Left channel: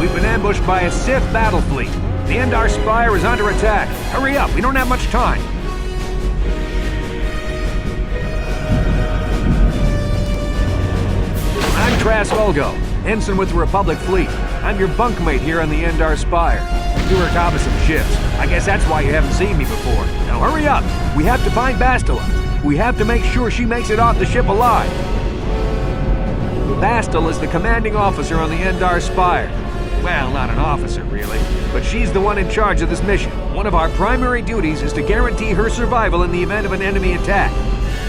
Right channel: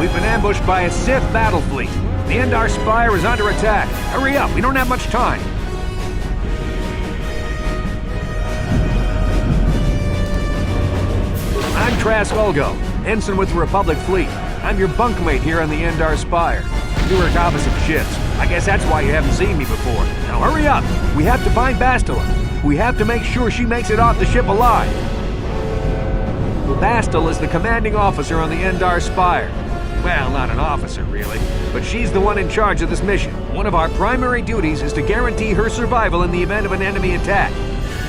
We've been ambushed by a Sith battle fleet. The Endar Spire is under attack. Hurry up, we don't have much time. I'm Trask Olgo, ensign with the Republic fleet. I'm your bunkmate here on the Endar Spire. We work opposite ships. I guess that's why you haven't seen me before. Now hurry up! We have to find Bastila. We have to make sure she makes it off the ship alive. Bastila is the commanding officer on the Endar Spire. Well, not an officer, really, but she's the one in charge of this mission. One of our primary duties is to guarantee her survival in the event of an enemy attack.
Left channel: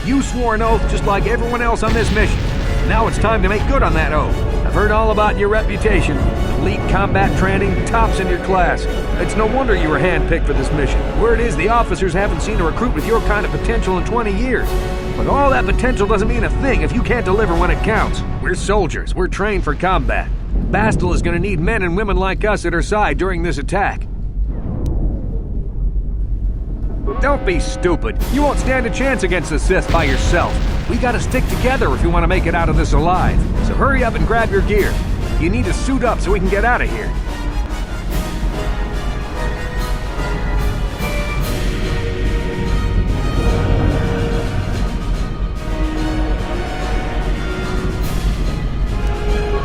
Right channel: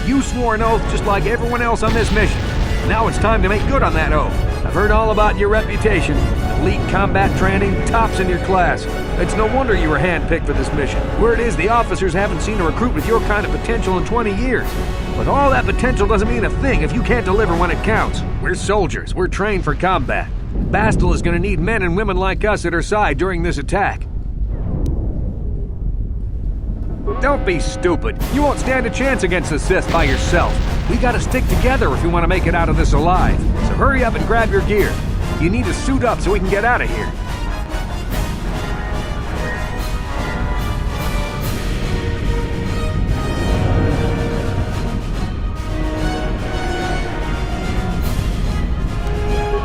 You swore an oath just like everyone else on this mission. Now it's time to make good on that oath. I've heard all about your reputation. Elite combat training, tops in your class. It's no wonder you were handpicked for this mission. Word is the officers haven't seen a recruit with your kind of potential in 20 years. But all that potential doesn't mean a thing if you can't deliver when it counts. We're soldiers. We're trained for combat. Bastila is going to need men and women like us at her side during this attack. Don't be stupid. You won't stand a chance against the Sith by yourself. We gotta stick together if we want to make it out of this alive. So hurry up and grab your gear. You need to suit up so we can get out of here.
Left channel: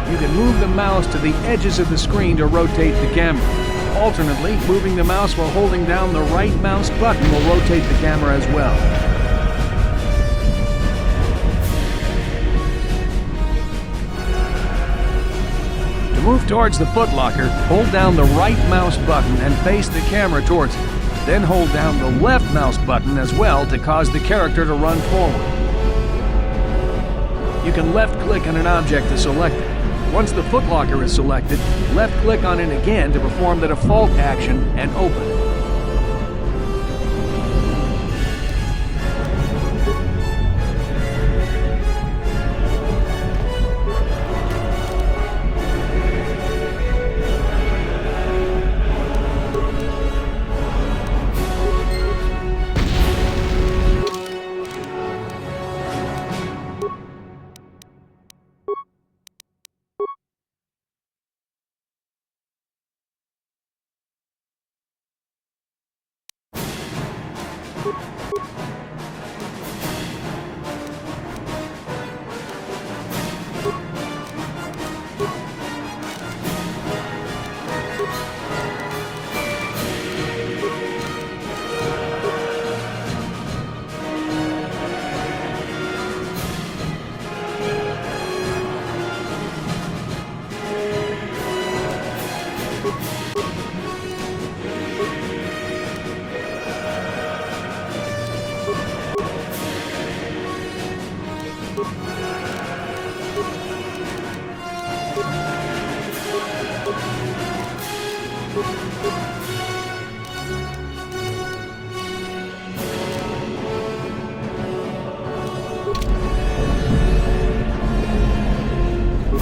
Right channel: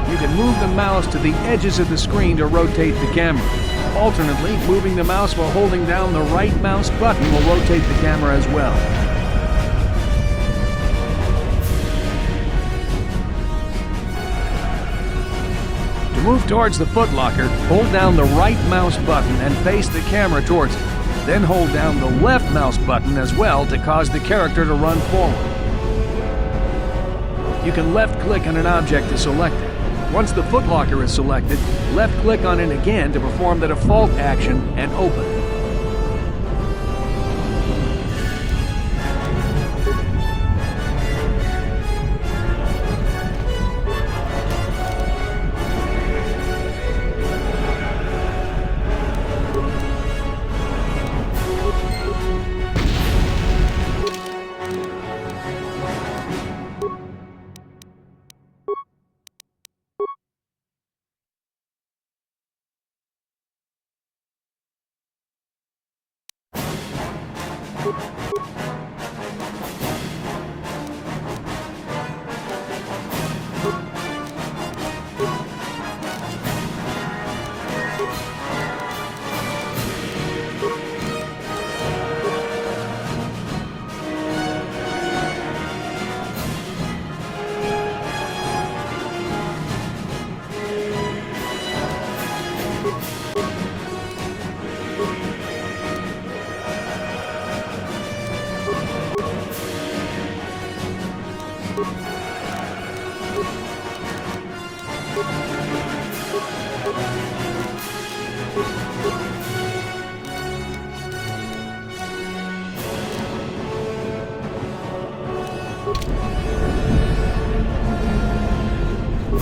You can move the mouse to the edges of the screen to rotate the camera. Alternately, moving the mouse while holding down the right mouse button will rotate the camera as well. To move towards the footlocker, hold down the right mouse button and face the camera towards it. Then hold down the left mouse button as well to cause the character to run forward. You can left-click on an object to select it. Once the footlocker is selected, left-click on it again to perform the default action and open.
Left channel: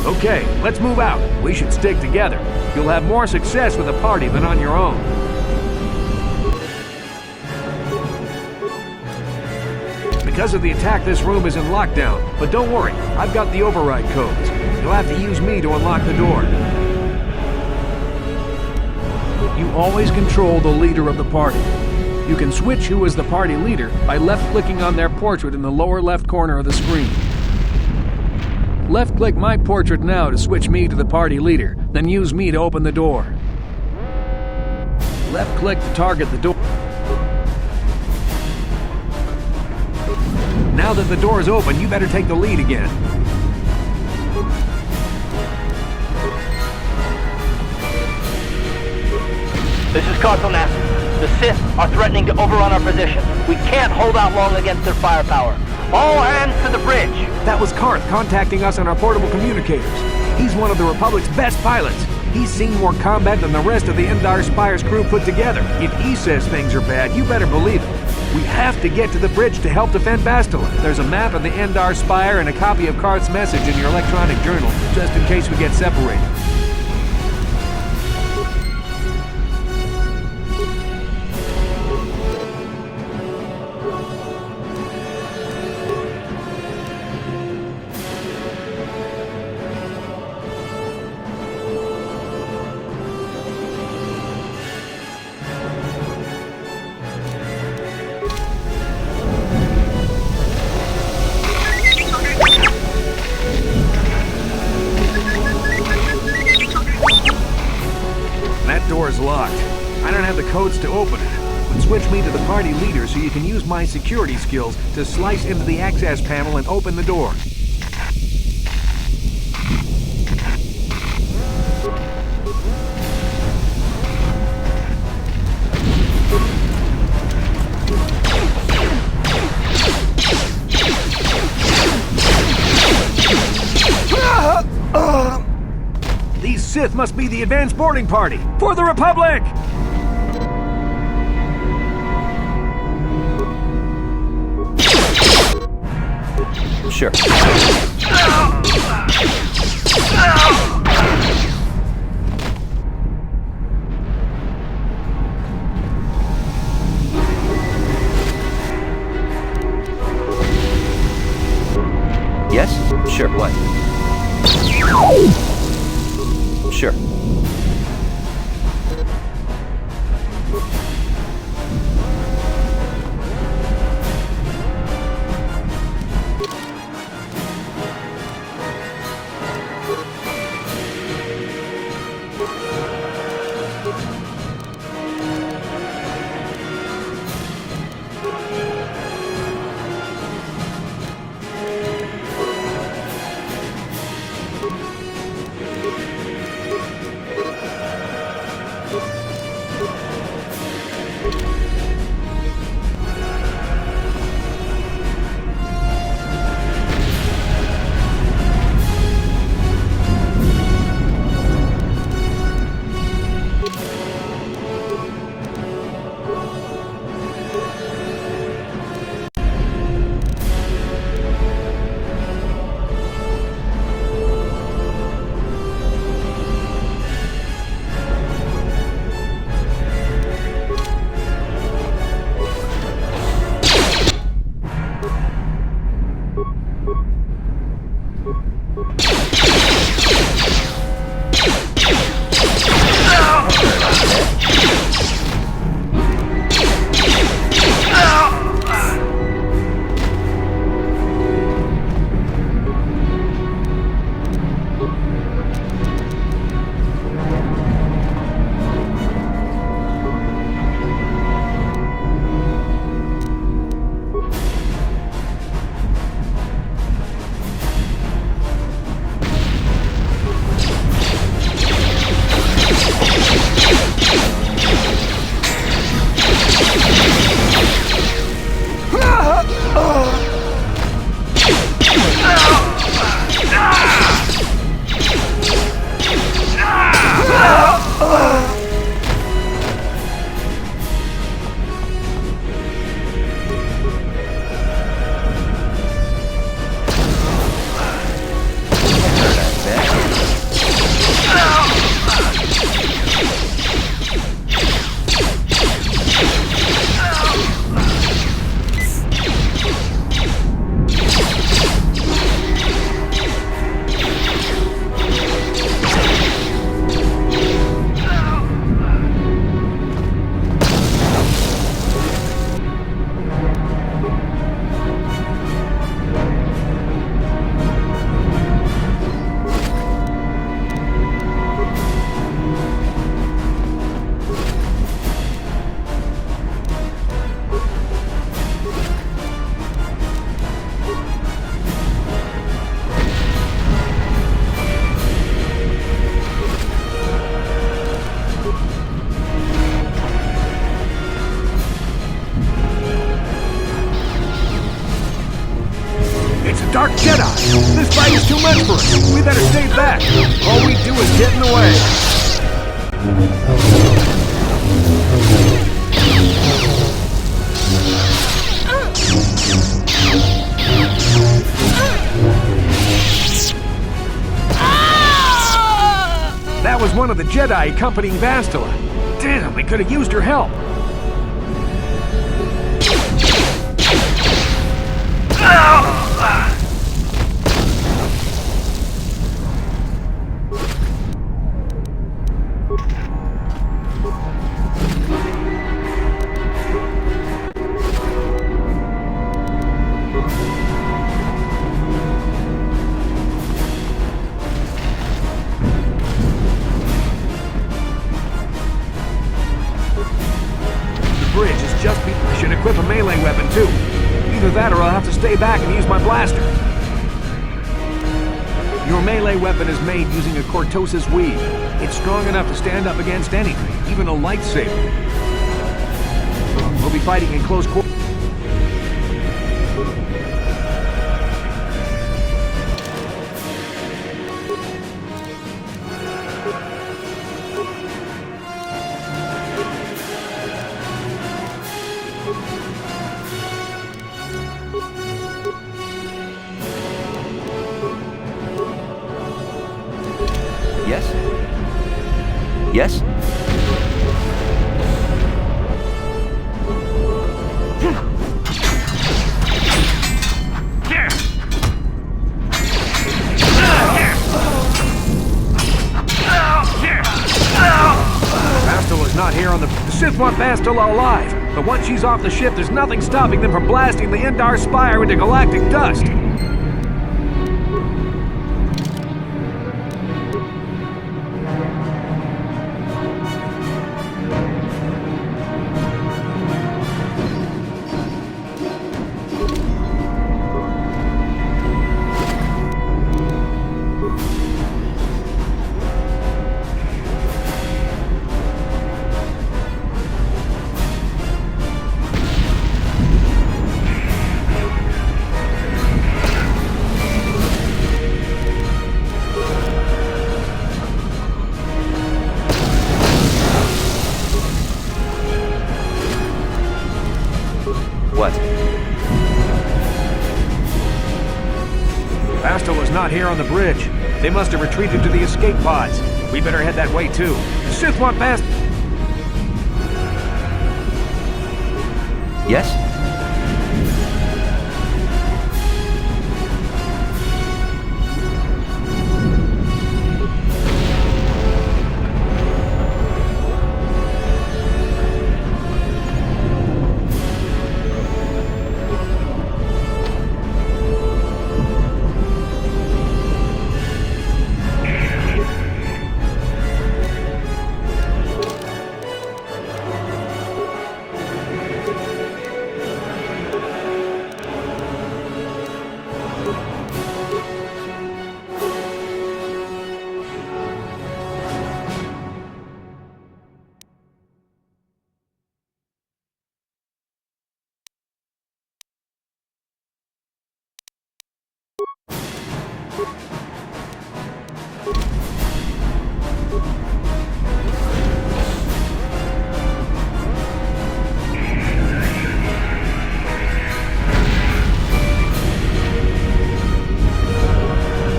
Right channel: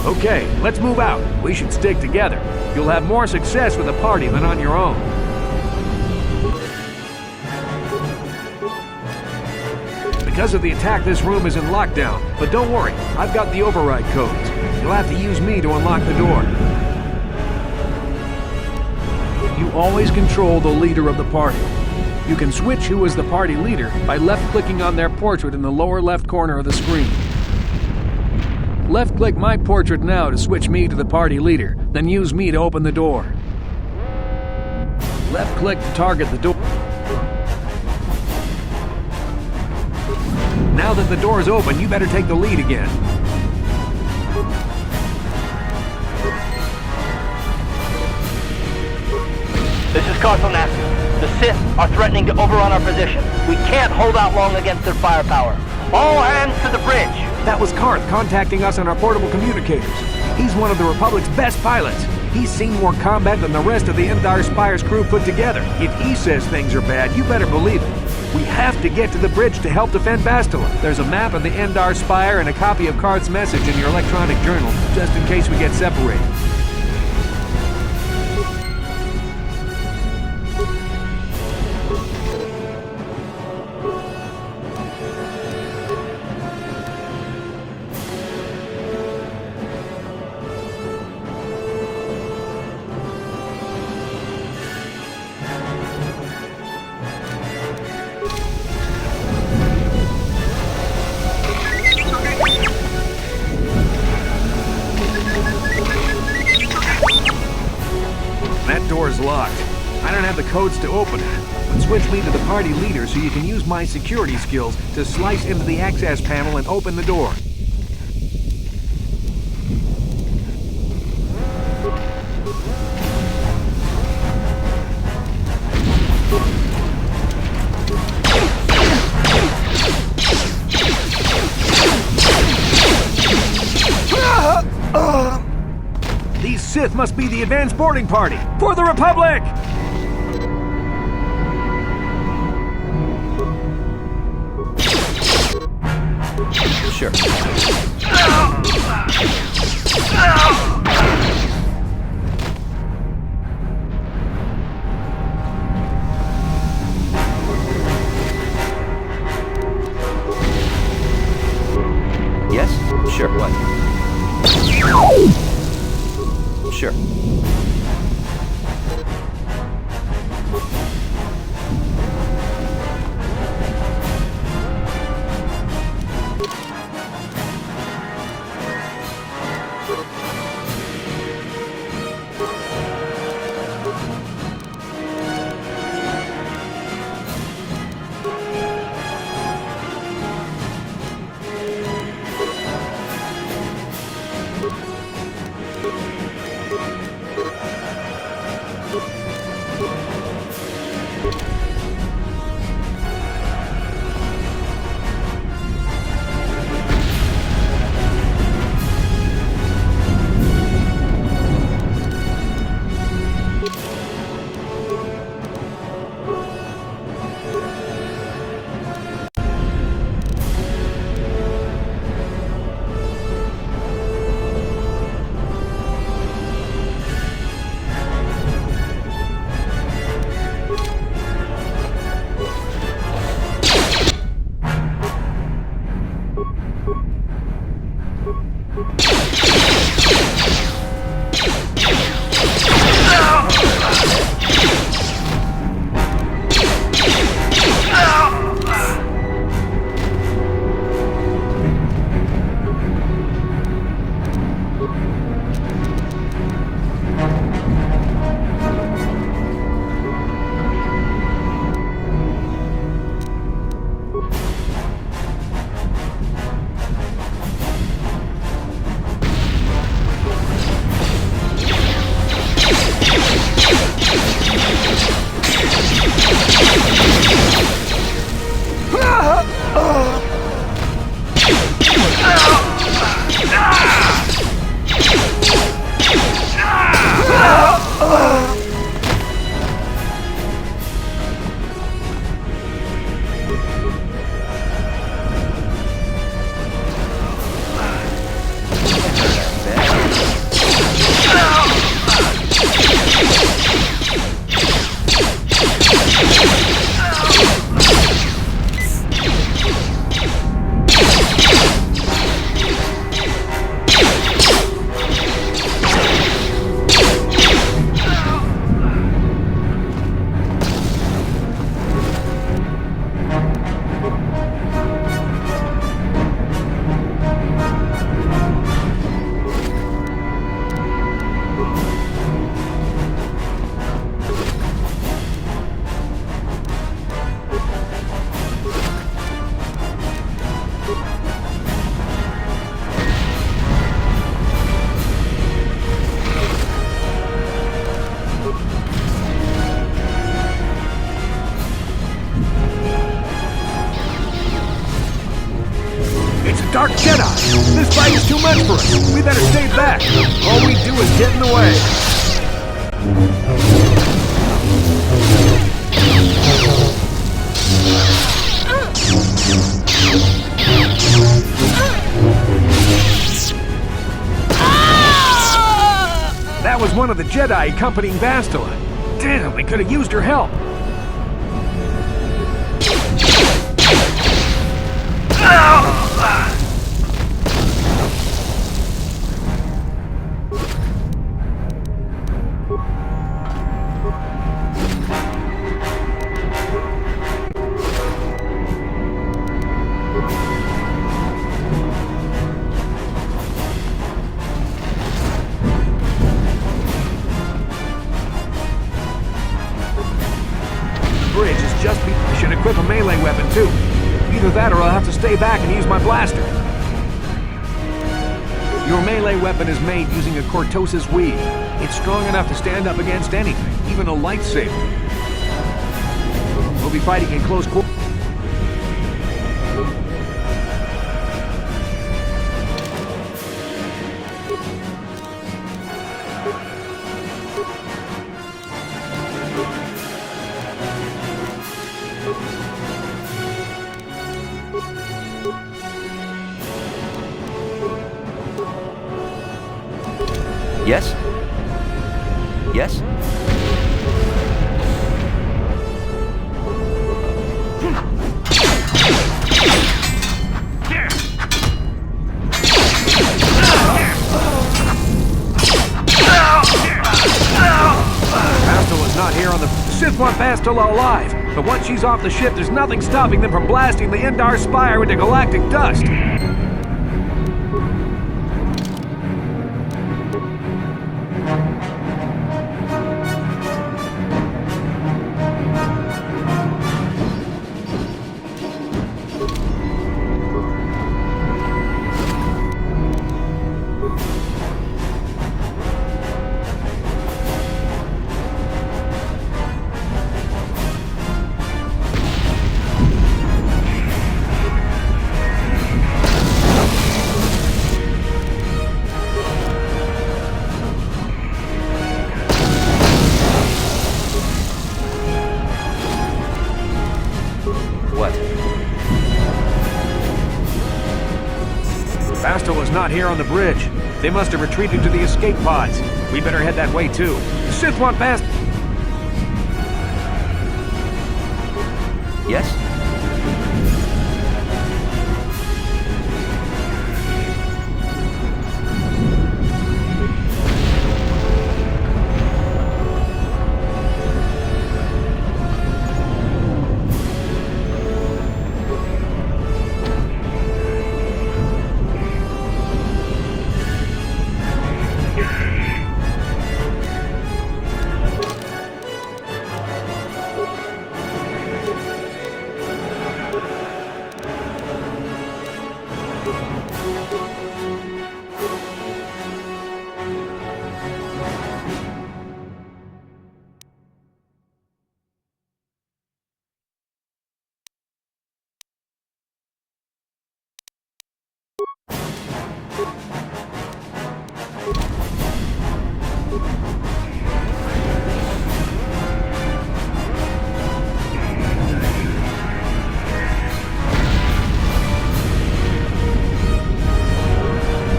Okay, let's move out. We should stick together. You'll have more success with a party than on your own. Because of the attack, this room is in lockdown. But don't worry, I've got the override codes. You'll have to use me to unlock the door. You always control the leader of the party. You can switch who is the party leader by left-clicking on their portrait in the lower left corner of the screen. Left-click my portrait now to switch me to the party leader, then use me to open the door. Left-click to target the door. Now that the door is open, you better take the lead again. This is Carthonassus. The Sith are threatening to overrun our position. We can't hold out long against their firepower. All hands to the bridge! That was Karth contacting us on our portable communicators. He's one of the Republic's best pilots. He's seen more combat than the rest of the Endar Spire's crew put together. If he says things are bad, you better believe it. We have to get to the bridge to help defend Bastila. There's a map of the Endar Spire and a copy of Karth's message in your electronic journal, just in case we get separated. That door's locked. I don't have the codes to open it. But switch me to the party leader so you can use my security skills to slice into the access panel and open the door. These Sith must be the advanced boarding party for the Republic! Sure. Yes? Sure. What? Sure. Dark Jedi! This fight is too much for us! We better stay back! All we do is get in the way! That was one of the Jedi accompanying Bastila. Damn, we could have used her help. Bridge is just I should equip a melee weapon too. Either that or I'll have to stay back and use my blaster. Your melee weapon is made using a Cortosis weave. It's strong enough to stand up against anything, even a lightsaber. We'll be fighting in close quarters. Yes? Yes? Bastila's not here on the Sith want Bastila alive, but once she's off the ship, there's nothing stopping them from blasting the Endar Spire into galactic dust. What? Bastila's not here on the bridge. They must have retreated to the escape pods. We better head that way too. The Sith want Bast... Yes?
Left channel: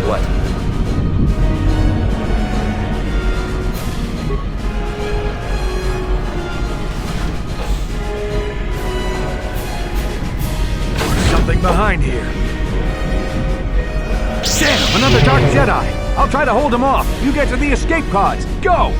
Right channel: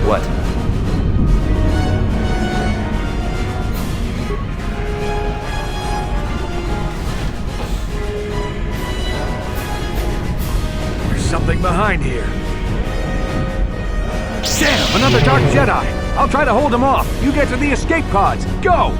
What? There's something behind here. Damn, another Dark Jedi! I'll try to hold him off. You get to the escape pods. Go!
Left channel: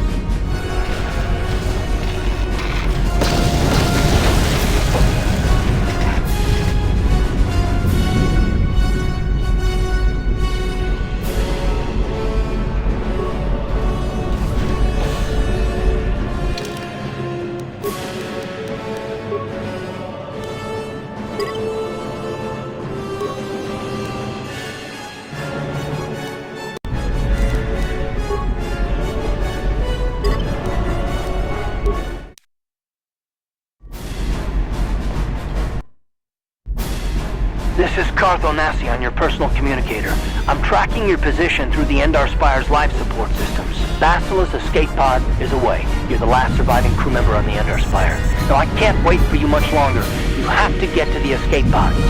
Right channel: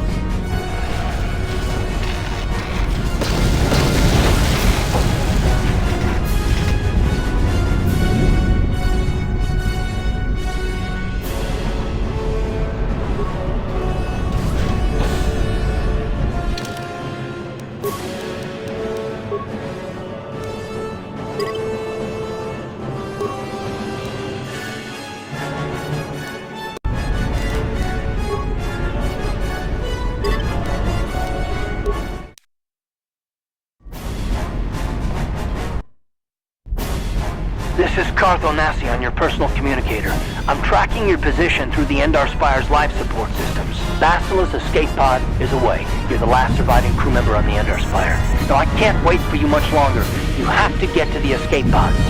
This is Carthonasi on your personal communicator. I'm tracking your position through the Endar Spire's life support systems. Basila's escape pod is away. You're the last surviving crew member on the Endar Spire. Now I can't wait for you much longer. You have to get to the escape pods.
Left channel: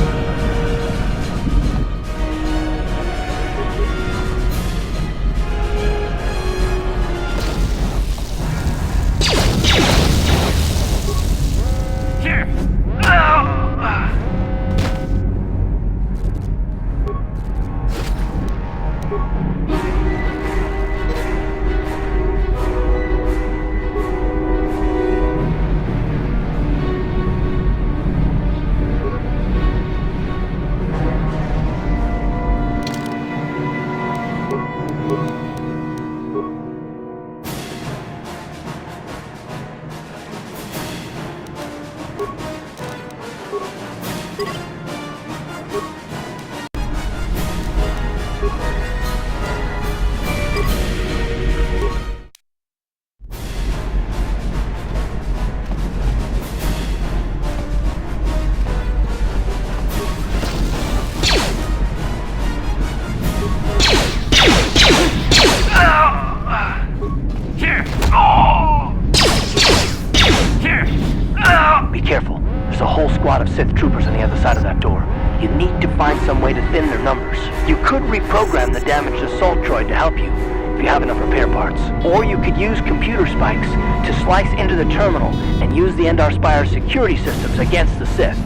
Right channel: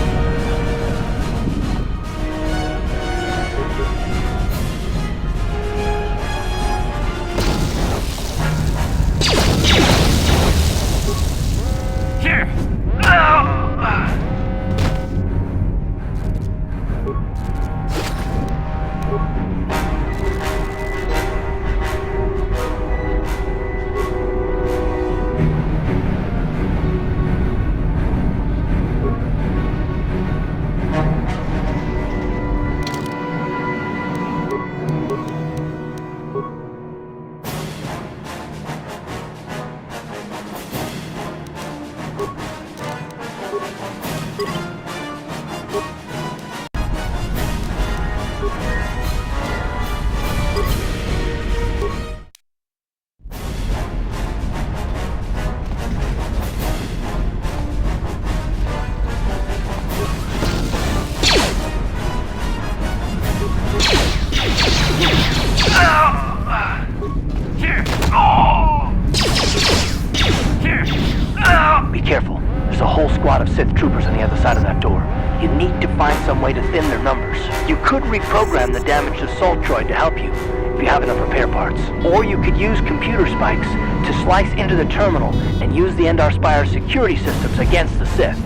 Be careful. There's a whole squad of Sith troopers on the other side of that door. You need to find some way to thin their numbers. You could reprogram the damaged assault droid to help you, if you have enough repair parts. Or you could use computer spikes to slice into the terminal and use the Endar Spire's security systems against the Sith.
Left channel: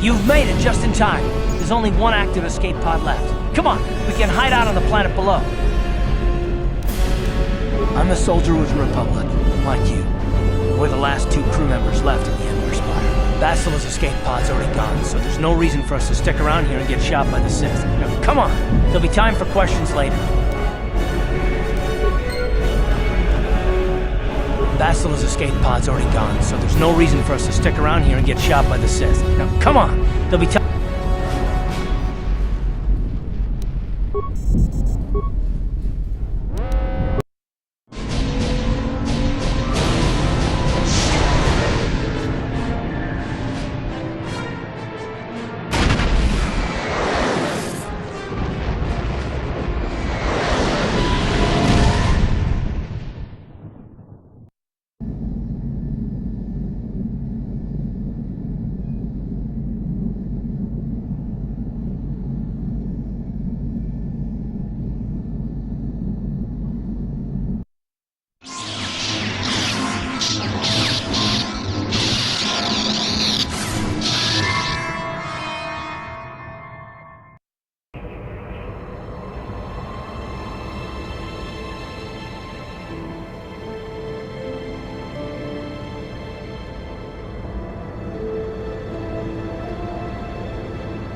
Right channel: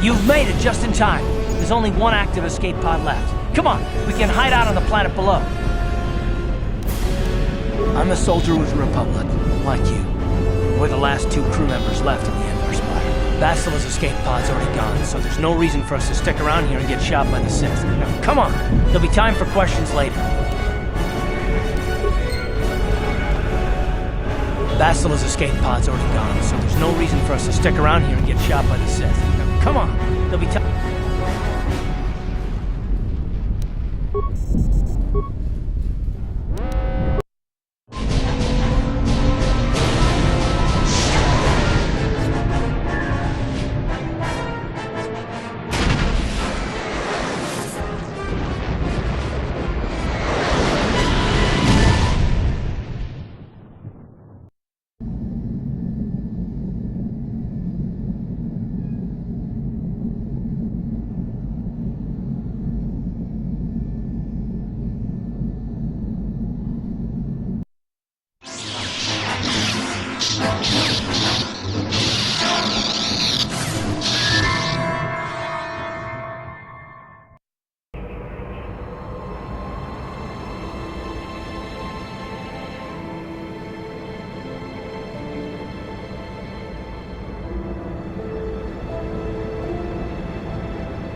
You've made it just in time. There's only one active escape pod left. Come on, we can hide out on the planet below. I'm a soldier with the Republic, like you. We're the last two crew members left in the Endar Spire. Basila's escape pod's already gone, so there's no reason for us to stick around here and get shot by the Sith. Now, come on, there'll be time for questions later. Basila's escape pod's already gone, so there's no reason for us to stick around here and get shot by the Sith. Now, come on! There'll be time.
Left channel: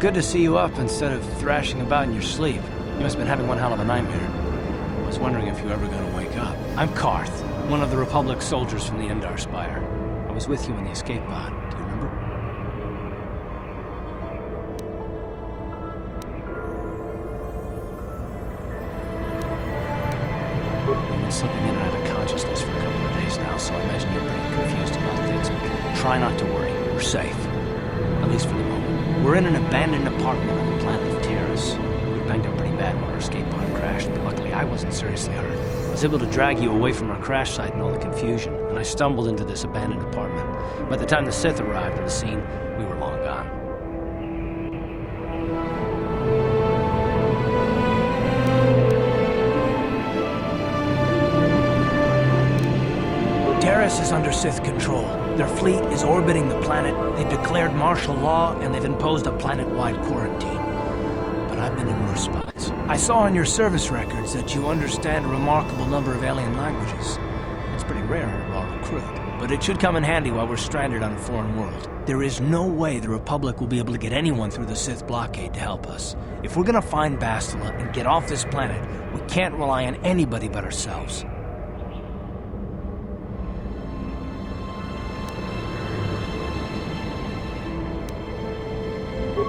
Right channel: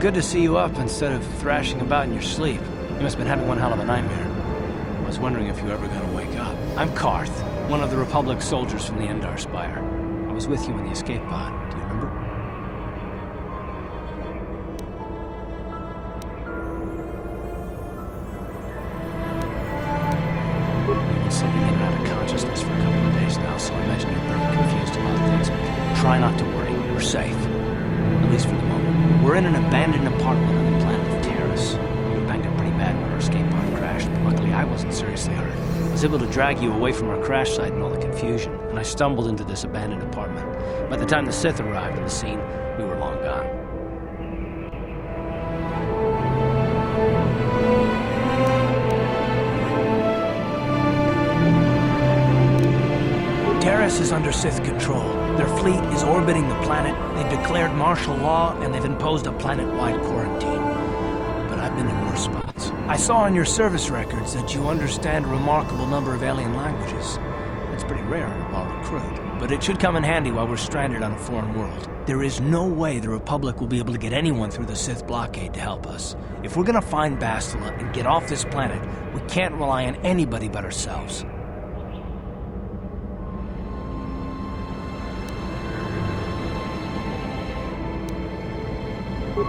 Good to see you up instead of thrashing about in your sleep. You must have been having one hell of a nightmare. I was wondering if you were ever gonna wake up. I'm Karth, one of the Republic soldiers from the Endar Spire. I was with you in the escape pod. Do you remember? You've been slipping in and out of consciousness for a couple of days now, so I imagine you're pretty confused about things. Try not to worry. We're safe. At least for the moment. We're in an abandoned apartment on the planet of Terrace. We were banged up pretty bad when our escape pod crashed, but luckily I wasn't seriously hurt. I was able to drag you away from our crash site and all the confusion, and I stumbled into this abandoned apartment. By the time the Sith arrived on the scene, we were long gone. Terrace is under Sith control. Their fleet is orbiting the planet, they've declared martial law, and they've imposed a planet-wide quarantine. but I've been in worse spots. I saw on your service records that you understand a remarkable number of alien languages. That's pretty rare in a raw recruit, but it should come in handy while we're stranded on a foreign world. There is no way the Republic will be able to get anyone through the Sith blockade to help us. If we're gonna find Bastila and get off this planet, we can't rely on anybody but ourselves.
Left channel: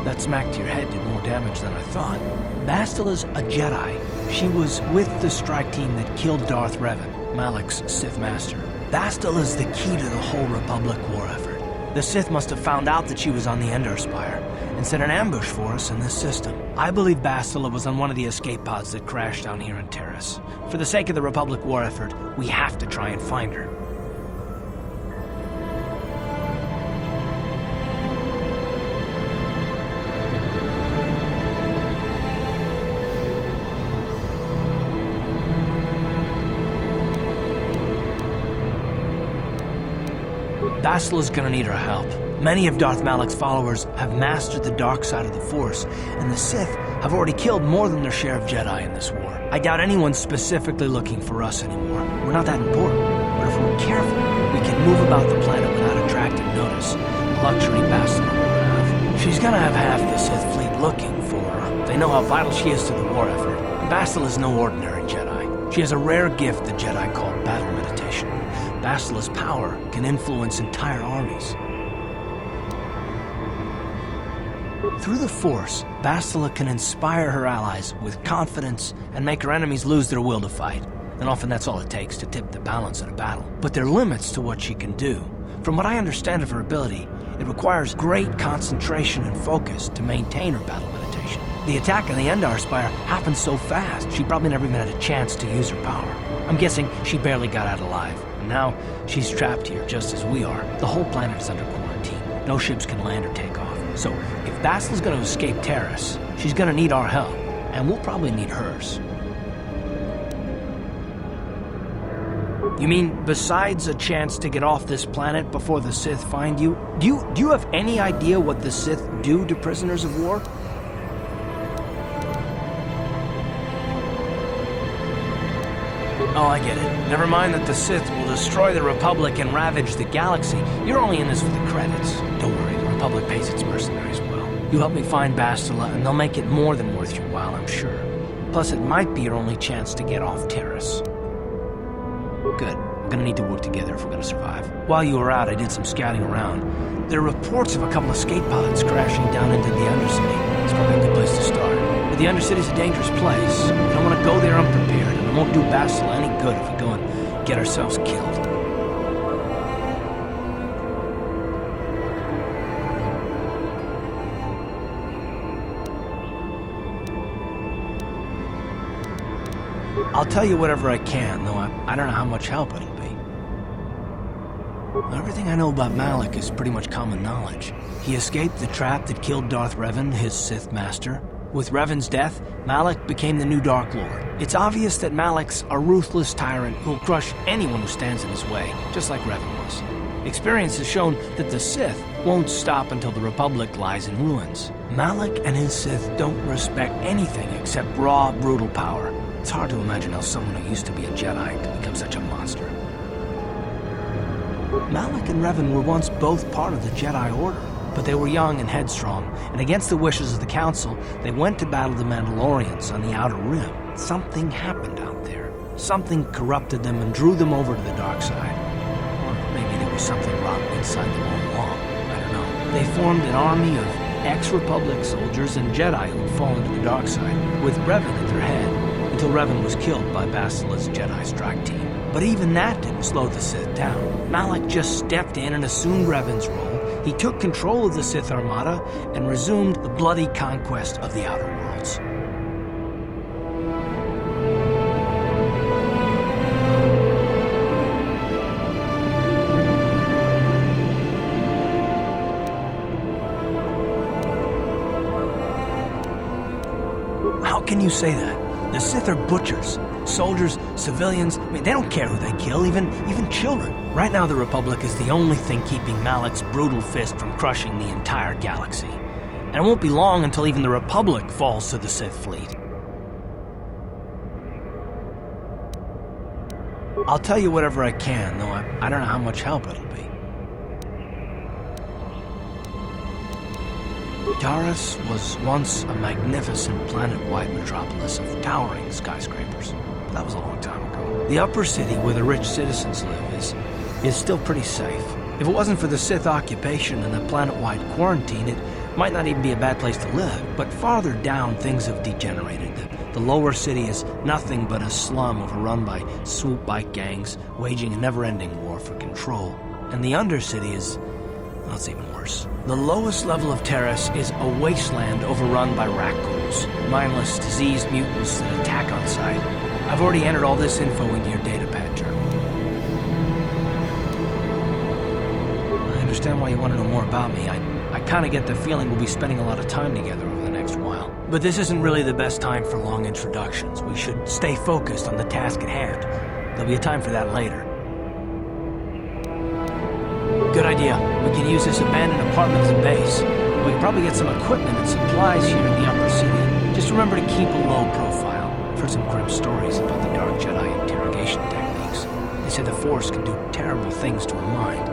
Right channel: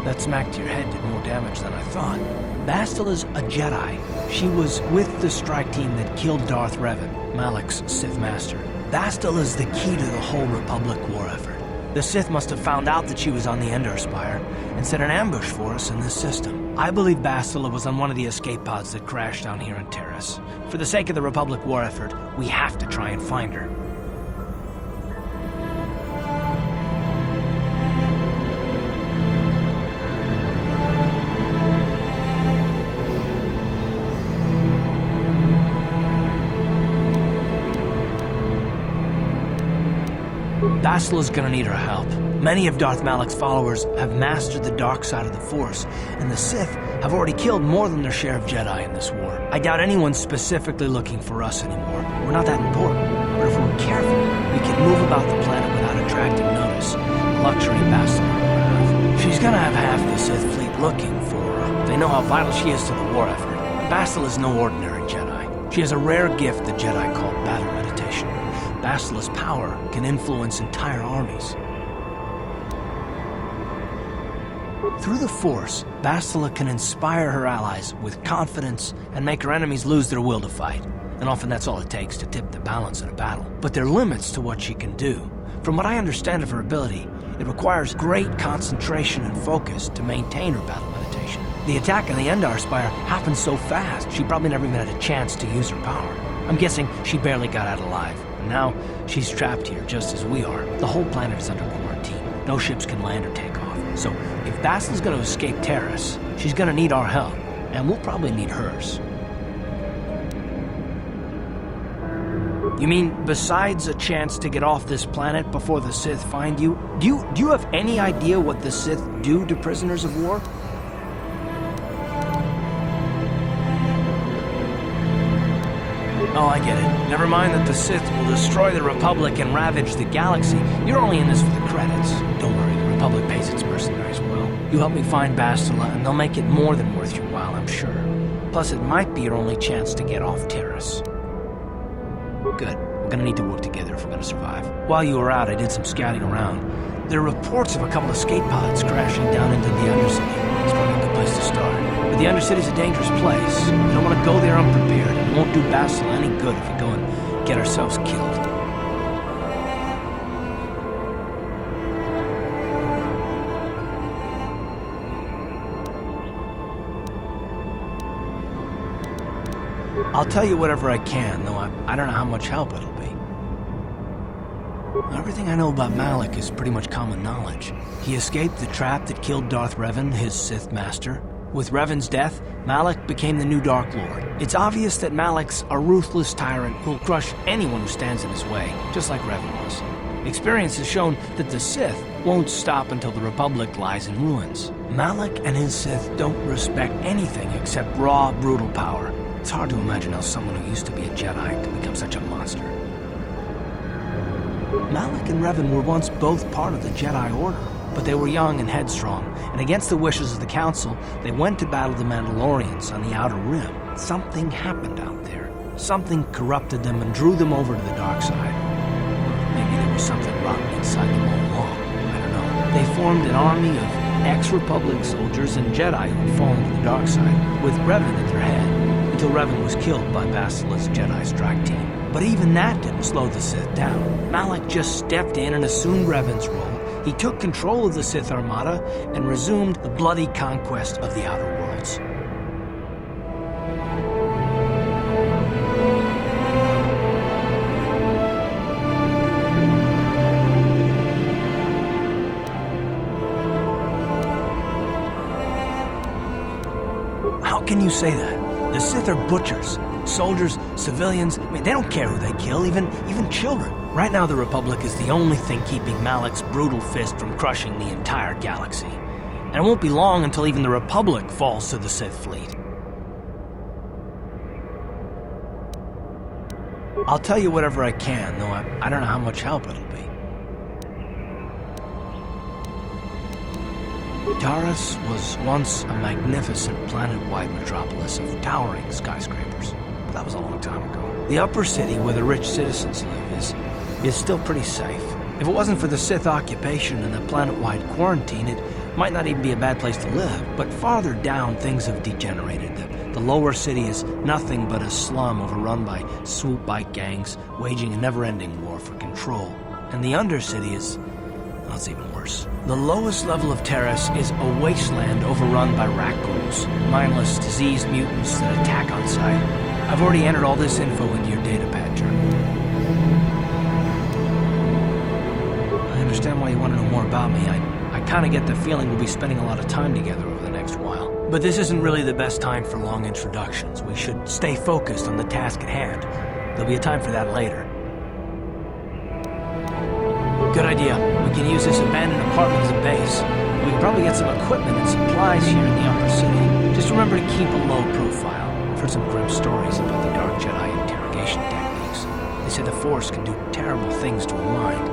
That smack to your head did more damage than I thought. Bastila's a Jedi. She was with the strike team that killed Darth Revan, Malak's Sith Master. Bastila's the key to the whole Republic war effort. The Sith must have found out that she was on the Endar Spire and set an ambush for us in this system. I believe Bastila was on one of the escape pods that crashed down here in Terrace. For the sake of the Republic war effort, we have to try and find her. Bastila's gonna need our help. Many of Darth Malak's followers have mastered the dark side of the Force, and the Sith have already killed more than their share of Jedi in this war. I doubt anyone's specifically looking for us anymore. We're not that important, but if we're careful, we can move about the planet without attracting notice, a luxury Bastila will have. She's gonna have half the Sith fleet looking for her. They know how vital she is to the war effort. Bastila's no ordinary Jedi. She has a rare gift the Jedi call battle meditation. Bastila's power can influence entire armies. Through the Force, Bastila can inspire her allies with confidence and make her enemies lose their will to fight. And often that's all it takes to tip the balance in a battle. But there are limits to what she can do. From what I understand of her ability, it requires great concentration and focus to maintain her battle meditation. The attack on the Endar Spire happened so fast, she probably never even had a chance to use her power. I'm guessing she barely got out alive, and now she's trapped here just as we are. The whole planet is under quarantine. No ships can land or take off. So if Bastila's gonna escape Terrace, she's gonna need our help, and we'll probably need hers. You mean, besides a chance to get off this planet before the Sith find you, do you have any idea what the Sith do to prisoners of war? Oh, I get it. Never mind that the Sith will destroy the Republic and ravage the galaxy. You're only in this for the credits. Don't worry, the Republic pays its mercenaries well. You help me find Bastila, and they'll make it more than worth your while, I'm sure. Plus, it might be your only chance to get off Terrace. Good. We're gonna need to work together if we're gonna survive. While you were out, I did some scouting around. There are reports of a couple of escape pods crashing down into the Undercity. It's probably a good place to start. But the Undercity's a dangerous place. We don't want to go there unprepared, and it won't do Bastila any good if we go and get ourselves killed. I'll tell you whatever I can, though I don't know how much help it'll be. Everything I know about Malak is pretty much common knowledge. He escaped the trap that killed Darth Revan, his Sith master. With Revan's death, Malak became the new Dark Lord. It's obvious that Malak's a ruthless tyrant who'll crush anyone who stands in his way, just like Revan was. Experience has shown that the Sith won't stop until the Republic lies in ruins. Malak and his Sith don't respect anything except raw, brutal power. It's hard to imagine how someone who used to be a Jedi could become such a monster. Malak and Revan were once both part of the Jedi Order, but they were young and headstrong, and against the wishes of the Council, they went to battle the Mandalorians on the Outer Rim. Something happened out there. Something corrupted them and drew them over to the dark side. Or maybe there was something rotten inside them all along. I don't know. They formed an army of ex-Republic soldiers and Jedi who'd fallen to the dark side, with Revan at their head, until Revan was killed by Bastila's Jedi strike team. But even that didn't slow the Sith down. Malak just stepped in and assumed Revan's role. He took control of the Sith Armada and resumed the bloody conquest of the Outer Worlds. How can you say that? The Sith are butchers. Soldiers, civilians, I mean, they don't care who they kill, even children. Right now, the Republic is the only thing keeping Malak's brutal fist from crushing the entire galaxy. And it won't be long until even the Republic falls to the Sith fleet. I'll tell you whatever I can, though I don't know how much help it'll be. Taris was once a magnificent planet-wide metropolis of towering skyscrapers, but that was a long time ago. The upper city, where the rich citizens live, is still pretty safe. If it wasn't for the Sith occupation and the planet-wide quarantine, it might not even be a bad place to live. But farther down, things have degenerated. The lower city is nothing but a slum overrun by swoop bike gangs, waging a never-ending war for control. And the undercity is... well, it's even worse. The lowest level of Taris is a wasteland overrun by raccoons, mindless, diseased mutants that attack on sight. I've already entered all this info into your datapad journal. I understand why you want to know more about me. I kind of get the feeling we'll be spending a lot of time together over the next while. But this isn't really the best time for long introductions. We should stay focused on the task at hand. There'll be a time for that later. Good idea. We can use this abandoned apartment as a base. We can probably get some equipment and supplies here in the upper city. Just remember to keep a low profile. I've heard some grim stories about the Dark Jedi interrogation techniques. They say the Force can do terrible things to a mind.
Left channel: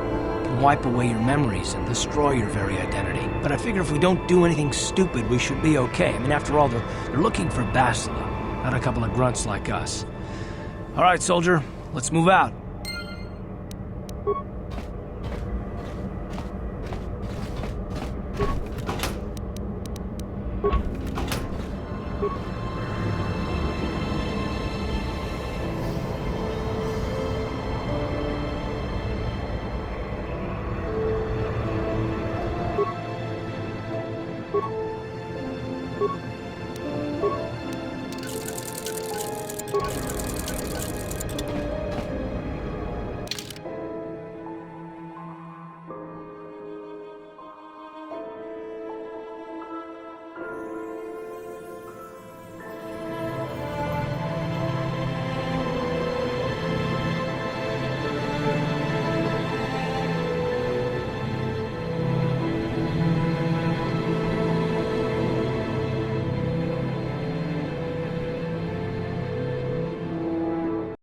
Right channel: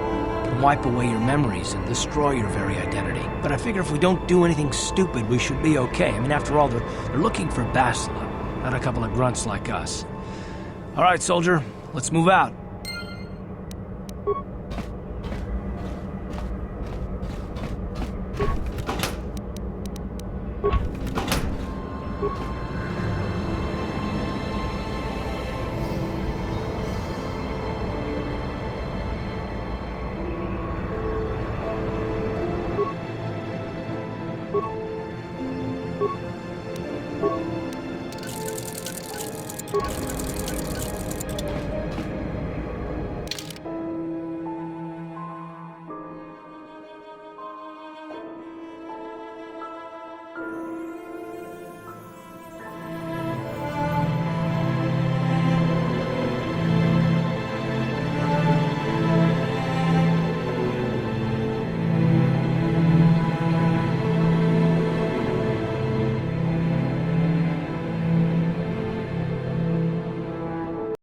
It can wipe away your memories and destroy your very identity. But I figure if we don't do anything stupid, we should be okay. I mean, after all, they're looking for Bastila, not a couple of grunts like us. All right, soldier, let's move out.